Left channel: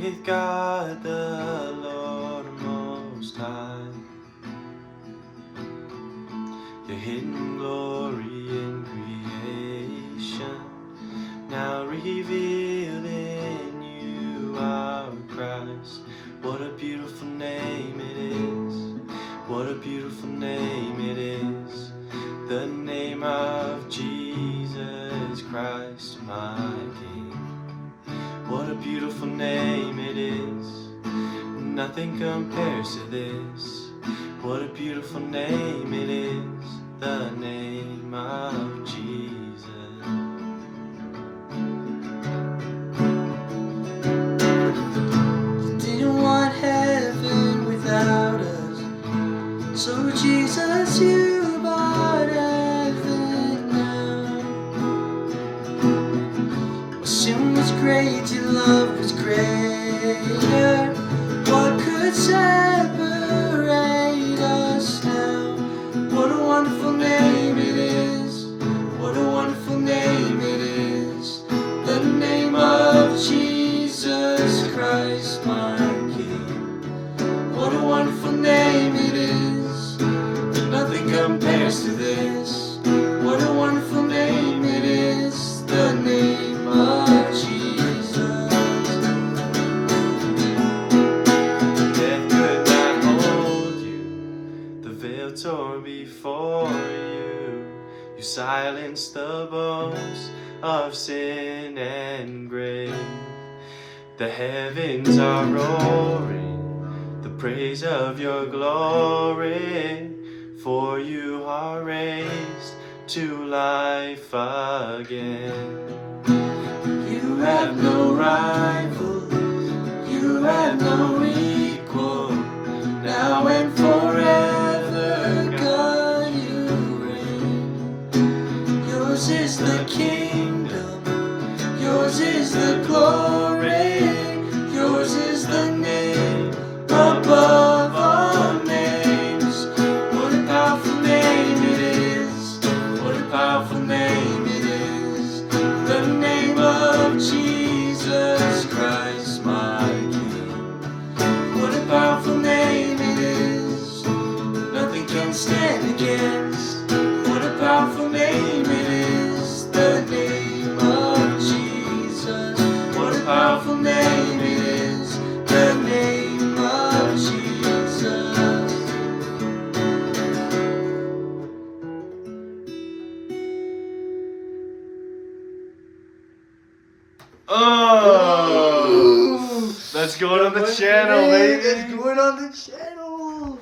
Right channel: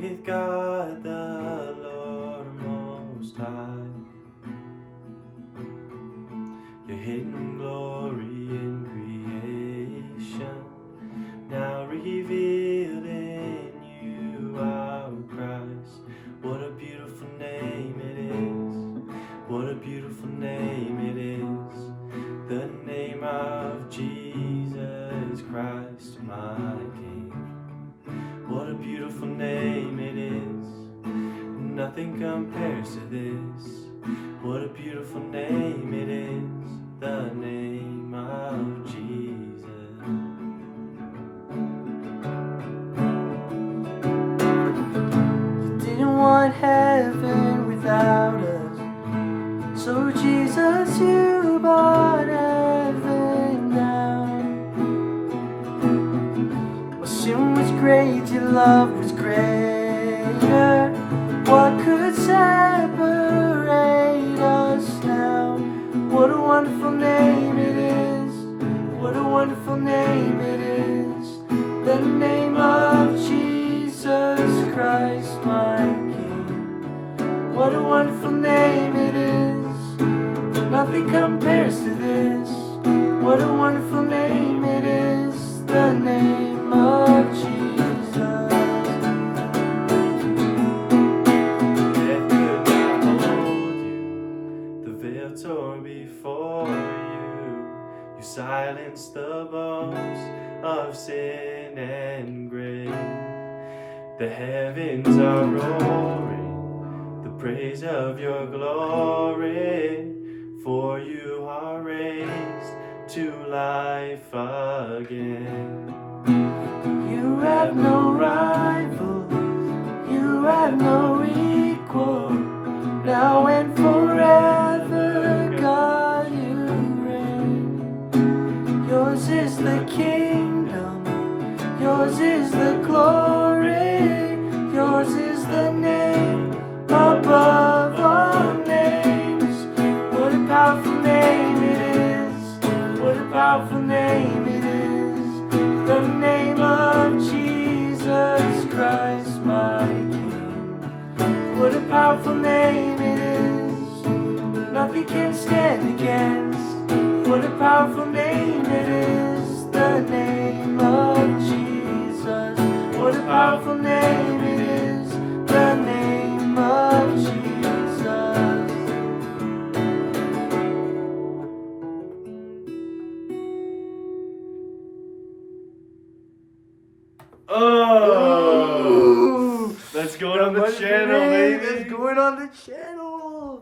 with God the Lord Most High. Your hidden glory in creation, now revealed in you, our Christ. What a beautiful name it is. What a beautiful name it is. The name of Jesus Christ, my King. What a beautiful name it is. Nothing compares to this. What a beautiful name it is. The name of Jesus. You didn't want heaven without us, so Jesus, you brought heaven down. Well, sin was great, your love was greater. What could separate us now? What a wonderful name it is. What a wonderful name it is. The name of Jesus Christ, my King. What a wonderful name it is. Nothing compares to this. What a wonderful name it is. The name of Jesus. Death could not hold you. The veil tore before you. You silenced the bones of sin and grave. The heavens are roaring the praise of your glory, for you are raised to life again. You have no rival, you have no equal, now and forever, God, you reign. Yours is the kingdom, yours is the glory, yours is the name above all names. What a powerful name it is. What a powerful name it is. The name of Jesus Christ, my King. What a powerful name it is. Nothing can stand against. What a powerful name it is. The name of Jesus. What a powerful name it is. The name of Jesus. Oh, that's going on the channel, baby. It's going on the channel.